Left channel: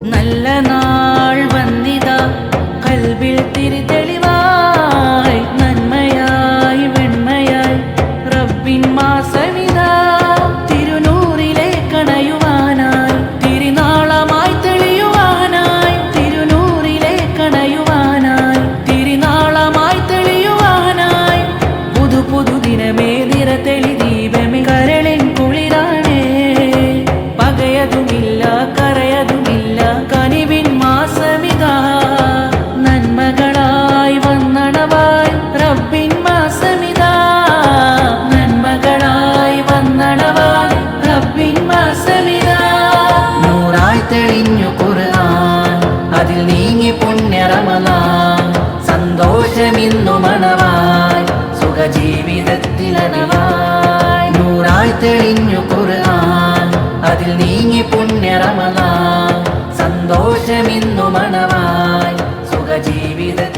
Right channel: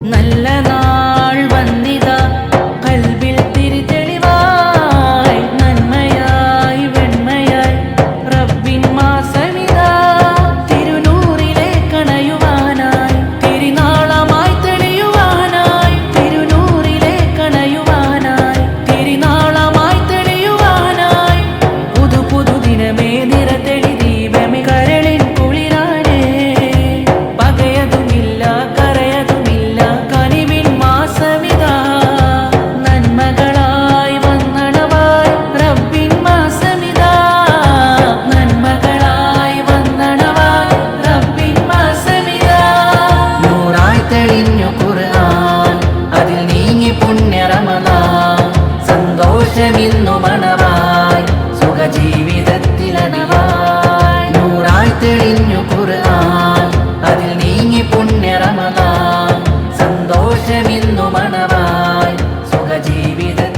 നല്ല നാൾ വന്നിതാ കൽബിൽ തിരിതെളിവായി നന്മയായി വെണ്മയായി റബ്ബിൻ മാസമിതാ തിരുനൂറിലെ കണയുവാനായി തിരുനാളമായി തെളിയുവാനായി തിരുനൂറിലെ കണയുവാനായി തിരുനാളമായി തെളിയുവാനായി പുതു പുതു ദിനമേ നിറതെളി ദീപമേ കരളിൻ കുളിരാണേ പകയതുമില്ല കരയതുമില്ല കനിവിൻ മാസമിതാ നന്മകളായി വന്നണവായി റബ്ബിൻ മാസമിതാ നന്മകളായി വന്നണവായി റബ്ബിൻ മാസമിതാ നൂറായി തെളിഞ്ഞു ഖുർആൻ അതിൽ നീങ്ങി പുണ്യ റമളാൻ സന്തോഷമിന്നു മണവായി സുഖജീവിതത്തിലനവായി നൂറായി തെളിഞ്ഞു ഖുർആൻ അതിൽ നീങ്ങി പുണ്യ റമളാൻ സന്തോഷമിന്നു മണവായി സുഖജീവിതത്തിൽ